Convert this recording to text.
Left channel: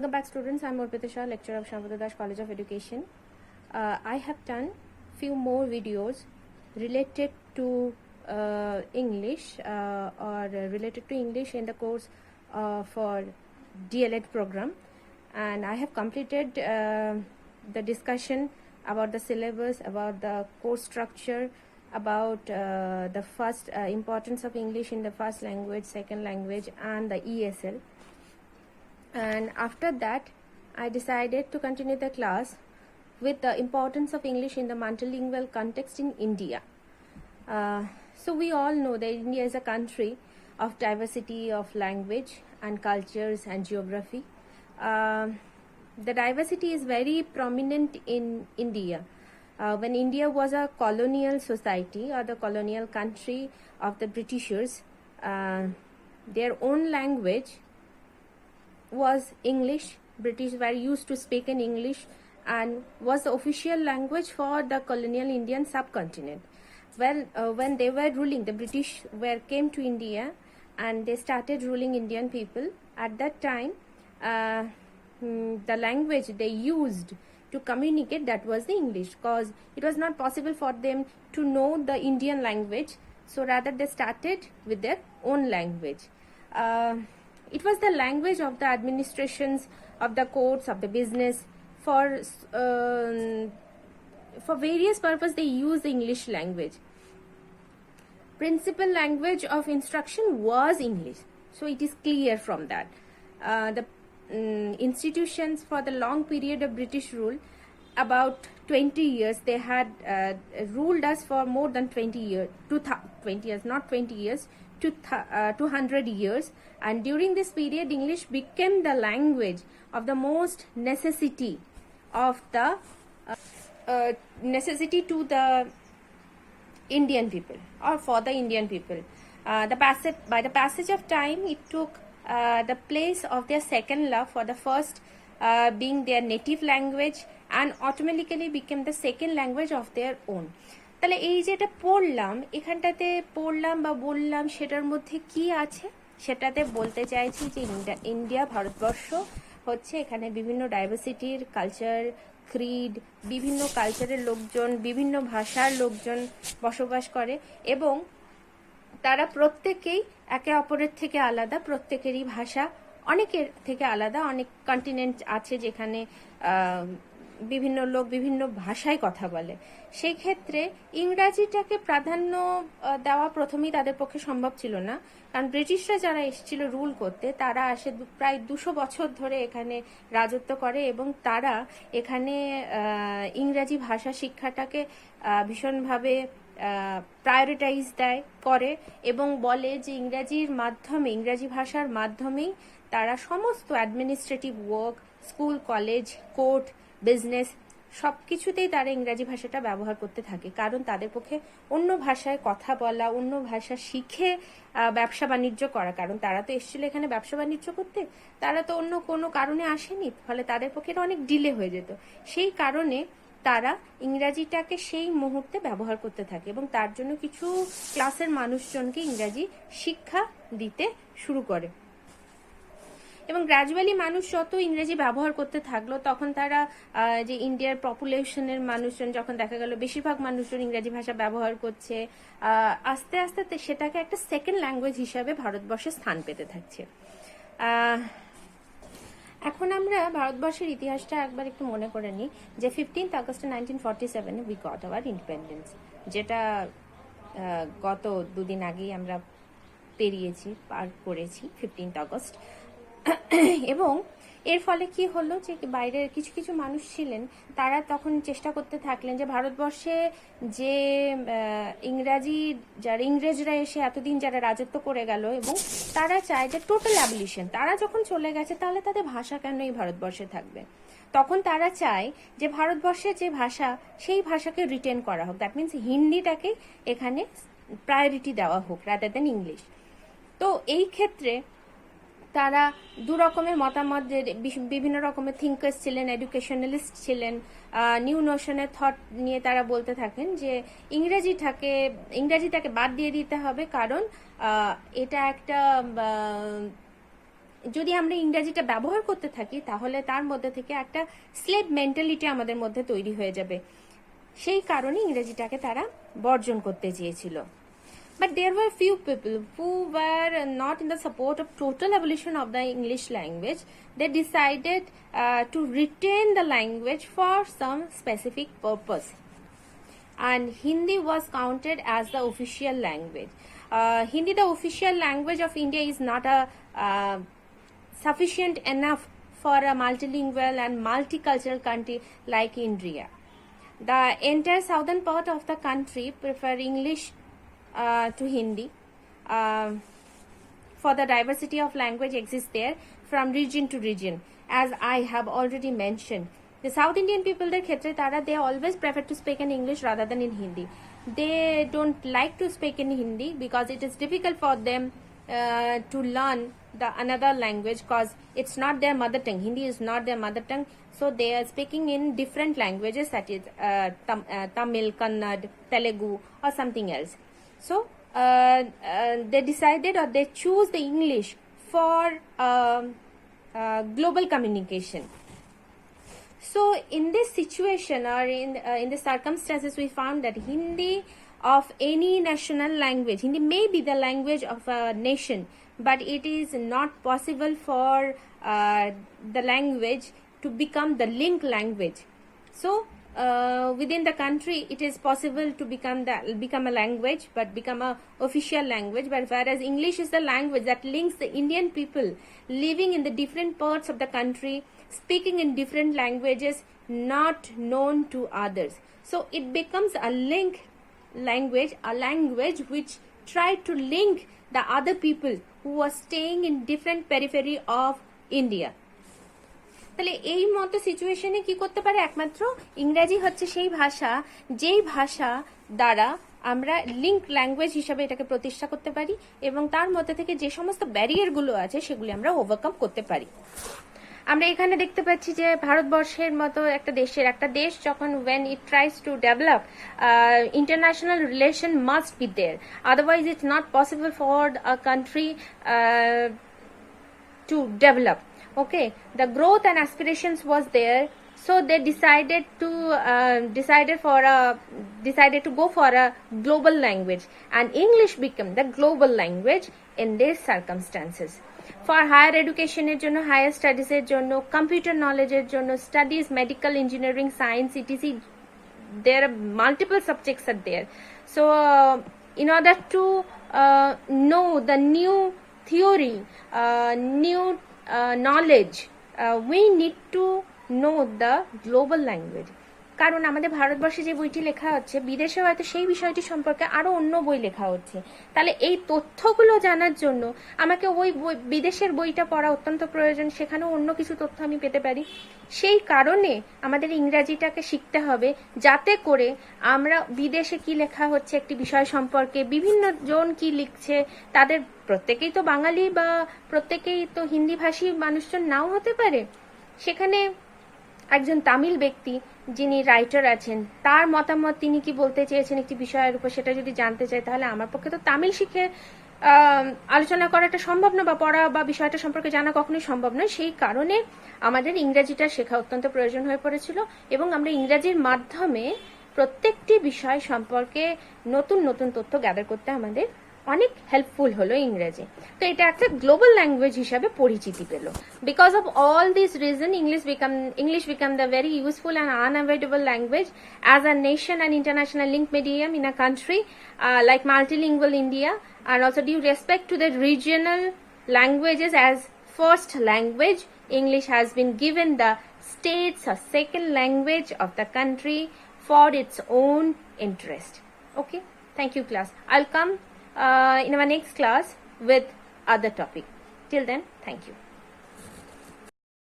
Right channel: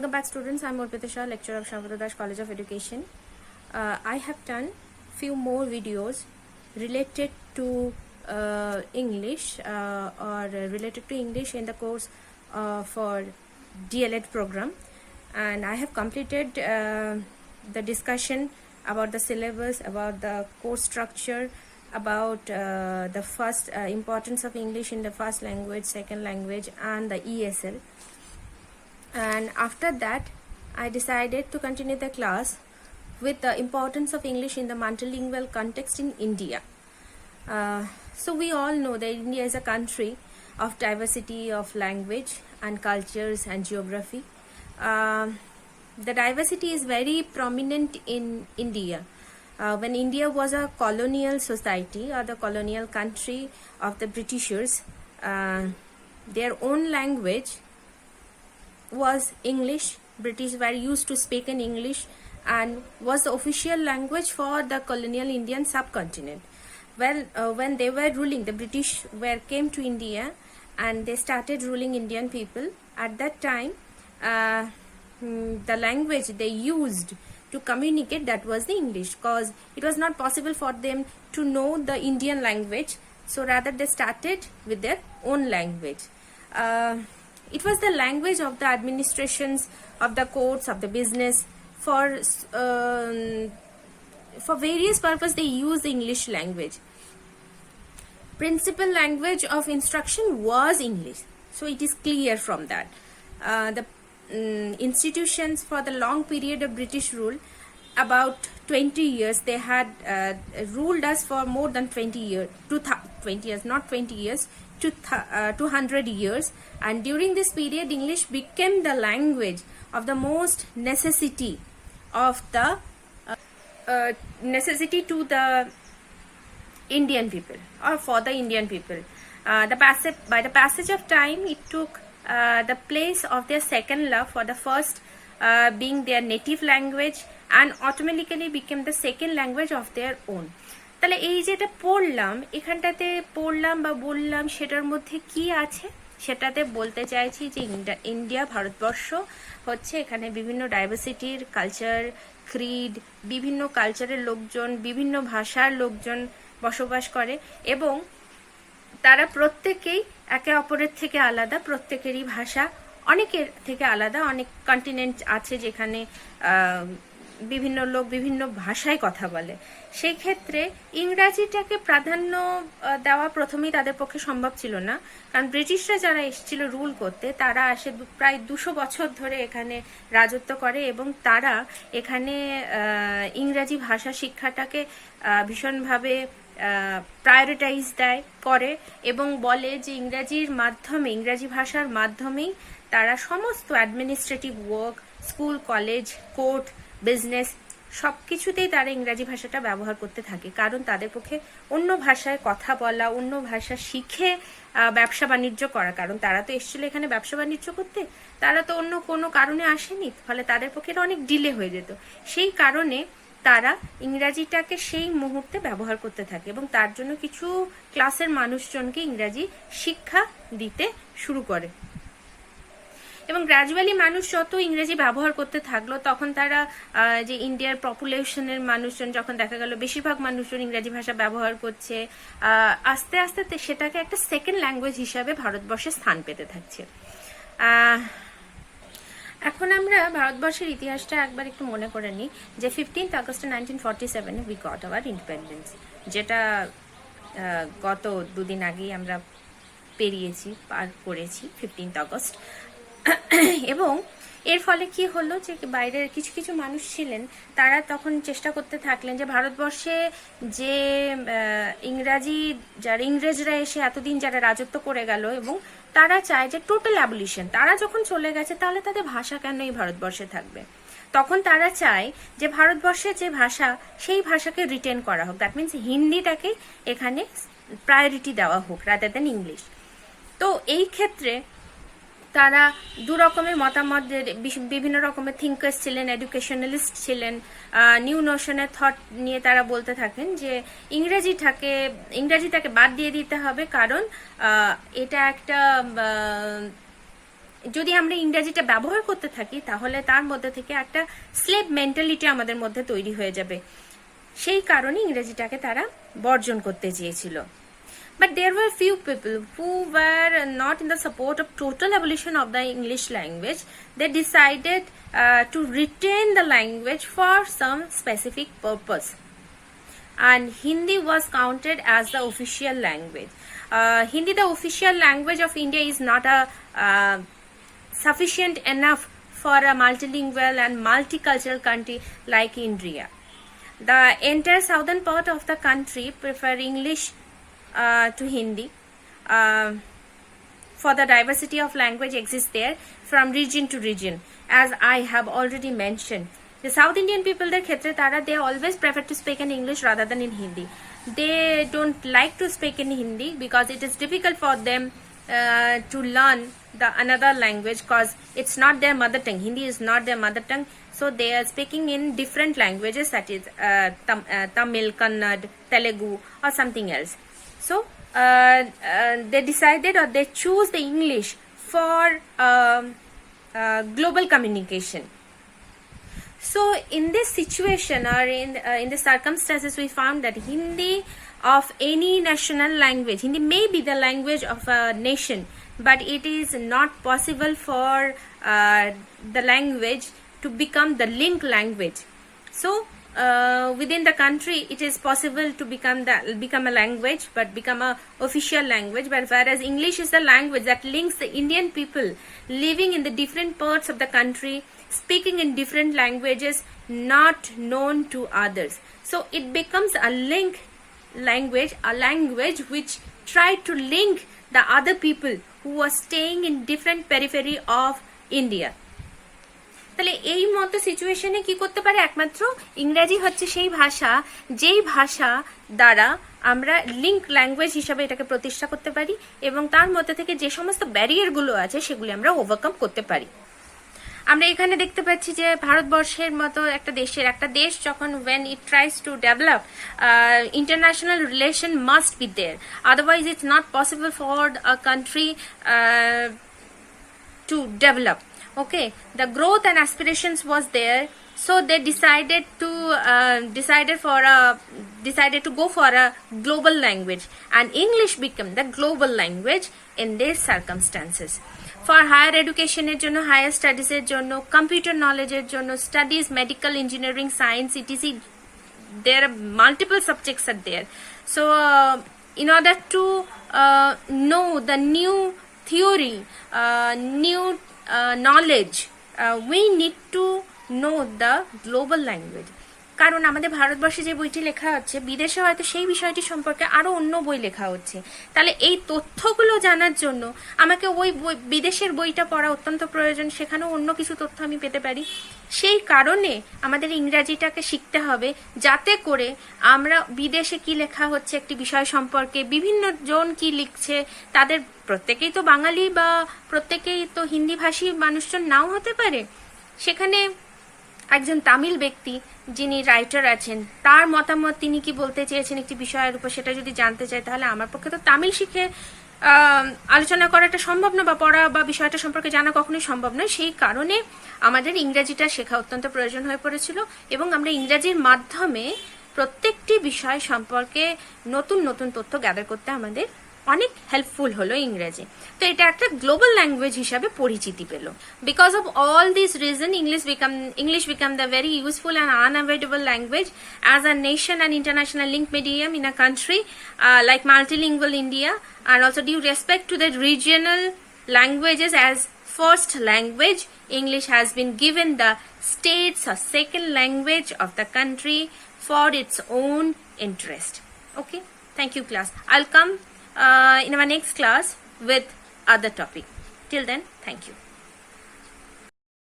Welcome back, students. I'm Urpita Shah, lecturer of Shyamprasad Das College of Education. I have done few more videos related to English or related to English in the course for DLED program, and I have completed the discussion about the syllabus, about the course structure, about the first importance of English in the first language, second language, and the ESL. And after that I decided to continue the class with the importance of English in the multilingual context in India. So we all know that India is a country of diversity of language and cultures and geography. The diversity is very prominent in India. When India was a colonial society or the colonial country of the Britishers, their own language was English. British were used to speak in English and was the official language for the colonial Indian subcontinent. Well, when they were ruling, the British came to India and they started ruling Indian people. At that time, the language they used to communicate, that was the English, because it was not possible for them to know the Indian language. So rather they started with their own language. It was the language of the administrations, of the courts, of the business. For various purposes, they used the English language. Principal language of instruction was English. So it is clear from that. The institutions for the long period of British rule, about 20 years, they had ruled us for more than 20 years, 20 years, not 20 years, 200 years, and during this period English became the language of the most necessity of the necessity to the Indian people or for the Indian people. By the passage of time, it took the place of their second love for the first being their native language, and automatically became the second language of their own. তাহলে এই যেটা পড়লাম, এখানটাতে পড়লাম বা বললাম, সেটার মধ্যে কি আছে সেটাতে বলতে চাইছি যে ইন্ডিয়া, ভারতবর্ষ হচ্ছে, এখানে বিভিন্ন ডাইভার্সিটির কালচার, ক্রিড, বিভিন্ন কালচারের লোকজন, বিভিন্ন ভাষার লোকজন বসবাস করে এবং তারা প্রত্যেকেই একে অপরের থেকে আলাদা, প্রত্যেকেরই ভাষা অনেকের থেকে আলাদা। অনেক কন্টিনেন্ট আছে যেখানে বিভিন্ন লোক বিভিন্ন ভাষায় কথা বলে। সেই ক্ষেত্রে ইংরাজিটাকে প্রাধান্য দেওয়া প্রথমেই তাদের পক্ষে সম্ভব ছিল না, কারণ ব্রিটিশরা যারা এসেছিল রুল করতে, তারা আসে প্রায় 200 বছর ধরে এখানে রাজত্ব করে এবং তারা এখানে ইংরাজি ভাষা শিক্ষাটাকে ভীষণভাবে প্রায়োরিটাইজ করে এবং বলে যে ইংরাজির মাধ্যমে, ইংরাজি ভাষার মাধ্যমেই তারা সমস্ত administrative work, school, college, court, business সব কিছুতেই তারা ইংরাজি ভাষাটা ব্যবহার করতে থাকে, কারণ তাদের পক্ষে অন্য ভাষায় কথা বলা, অন্য ভাষা শিখে ব্যবসা বাণিজ্য করা, কারণ তারা তো এসেছিল এখানে ব্যবসা বাণিজ্য করতে, তারা তো অন্য কোনো কারণে আসেনি, ফলে তাদের পক্ষে এটা অনেক ডিলে হয়ে যেত। সেই কারণে তারা ইংরাজিটাকে সেই মুহূর্তে ব্যবহার করতে থাকে এবং তার জন্য কিছু ক্লাসের মানুষজনকে ইংরাজি শিক্ষা দিতে শুরু করে এবং গ্র্যাজুয়ালি মানুষ যত ইংরেজি ব্যবহার করতে থাকলো, তখন তারা যে ইন্ডিয়ার পপুলেশনের মানুষজন যখন দেখা গেল বেশিরভাগ মানুষজন ইংরেজি ভাষা ব্যবহার করছে, আস্তে আস্তে সেটাকে একটা সেকেন্ড ল্যাঙ্গুয়েজ হিসাবে ভারতবর্ষে স্থান পেতে থাকছে। এখন আমরা ভারতবর্ষের ইতিহাসটা একবার একটু মনে করে নিই যে 15th August 1947 we got hour independence, যেটা গত দুদিন আগেই আমরা পার করেছি 15th August। এবং এর ফলে কি হলো যে বাইরের কিছু কিছু মানুষ ছিলেন, তারা তখন চেষ্টা করতে থাকলেন যে ভারতবর্ষে যে ইংরেজরা এসে এতদিন যারা রাজত্ব করে গেল এবং তারা চায় যে টোটাল অ্যাবলিশন, তারা যখন চলে গেছে তাহলে তাদের ভাষা কেন এই ভারতবর্ষে থাকবে। তখন তারা চায় যে ভারতবর্ষের যে ভাষা, সেই ভাষাকে রিটেন করা হোক, দ্যাট মিনস হিন্দিটাকে এখানে প্রায়োরিটি দেওয়া হোক রাদার দেন ইংলিশ। তো এই ক্ষেত্রে তারা দু রকমের মতামত, বিভিন্ন রকমের থিঙ্কার্স ছিলেন, এডুকেশনালিস্ট ছিলেন, নিউ নোশনের থট নিয়ে তারা বলতে থাকেন যে ইংরেজিটাকে বাদ দিয়ে দিতে হবে, কারণ এটা একটা যদি আমরা ইংরেজিটা ব্যবহার করতে থাকি তাহলে তার মধ্যে থেকে একটা স্লেভ মেন্টালিটি আমাদের মধ্যে তৈরি হয়ে যাবে, সেই কারণে ইংরেজিটাকে তারা বর্জন করতে চেয়েছিল। But there were few people who were not in the support of total abolition of the English language. They decided to retain the language for some specific purpose. And Hindi was counted as the official language. Hindi, the official language of India, is not a sufficient enough for a multilingual and multicultural country like India. The entire southern part of the country prefer English to Hindi, for the diversity of language exists there from region to region, as I have already mentioned. The South Indian people, their khetre tara, they always prefer to speak in English rather than in Hindi. They don't like to speak in Hindi because it is difficult for them to learn the another language, because it's not their mother tongue. Hindi is not their mother tongue, so they are speaking in different languages, that is Tamil, Kannada, Telugu or something else. So they decided, or they choose the English for global communication. So in this situation, or in the circumstances, we found that Hindi of any national language, Hindi may be the language of a nation, but it is not possible for the language to become the link language. So within the country, it is possible to become a language, but become a official language. But whereas English is the language that links the Indian people living in the different parts of the country, speaking in different languages, not known to others. So it becomes a link language, a language which try to link the other people who are staying in different periphery of India. তাহলে এই মতো সিচুয়েশনে কি করতে পারে? একমাত্র ইংরেজি হচ্ছে সেই ভাষা, যেই ভাষা দ্বারা আমরা লিঙ্ক ল্যাঙ্গুয়েজ হিসাবে এটাকে প্রতিষ্ঠা করতে পারি, এবং তার মধ্যে থেকে যে সমস্ত ব্যারিয়ারগুলো আছে সেগুলি আমরা ওভারকাম করতে পারি। আমরা এখানে দেখতে পাচ্ছি যে ভারতবর্ষের মতো একটা দেশ যখন when it tries to develop, international relation must be there, otherwise it's not possible for a country to develop. Okay, the growth and aspirations was there, so they decided to go for a global language, and English became the global language in these circumstances. For higher education এর জন্য, higher studies এর জন্য, computer knowledge এর জন্য, studies, medical, engineering, science, etc. There are multiple subjects are there. So in order to know the new theory, new knowledge, we need to know the global language. কারণ আমাদের ভারতবর্ষে যে বইটি লেখা হচ্ছে, বিদেশে হয়তো সেই বিষয়টি সম্পর্কে আরো অন্য বই লেখা হচ্ছে। তাহলে এই তথ্যগুলো জানার জন্য আমাকে ওই বিদেশের বইটা পড়া অত্যন্ত প্রয়োজন, সেখানেও অন্য কিছু তথ্য আমি পেতে পারি। সেই কারণে আমাদের ইংরাজিটাকে শিখতে হবে, যাতে করে আমরা বিদেশে কি লেখা হচ্ছে একটি বিষয় সম্পর্কে, বিভিন্ন জন কি লিখছে, তাদের প্রত্যেকেই তো বাঙালি বা প্রত্যেকেই তো হিন্দি ভাষী মানুষজন নাও হতে পারে। সেখানে একজন তামিল ব্যক্তি যিনি রাইটার আছেন, তার মতামত, তিনি কি বলতে চেয়েছেন একটি বিষয়ের উপর, সেটা যদি জানতে চাই, তাহলে আমার পক্ষে তো তামিল শিখে আলোচনা করাটা সম্ভব না, বা পড়া বা বিষয়টা সম্পর্কে জানা কখনোই সম্ভব নয়। সেই কারণে আমাদের ইংরেজিটা শেখা অত্যন্ত প্রয়োজন হয়ে পড়েছিল, এবং আমরা ইংরেজির মাধ্যমে প্রত্যেকটি বিষয় সম্পর্কে নতুন নতুন তথ্য গ্যাদার করতে আমাদের অনেক হেল্পফুল হলো ইংরেজি। তো এটা একটা গ্লোবাল ল্যাঙ্গুয়েজ হিসাবে পরিচিতি পেল। Because of all this reason, English become the very useful and unavoidable language as a nation and international link medium in a country like multilingual India, and also due respect to the regional languages as first language, English has been given the status or second language of the country for its own interest. Okay, thank you class. I'll come in our next class with other topic. Till then, thank you.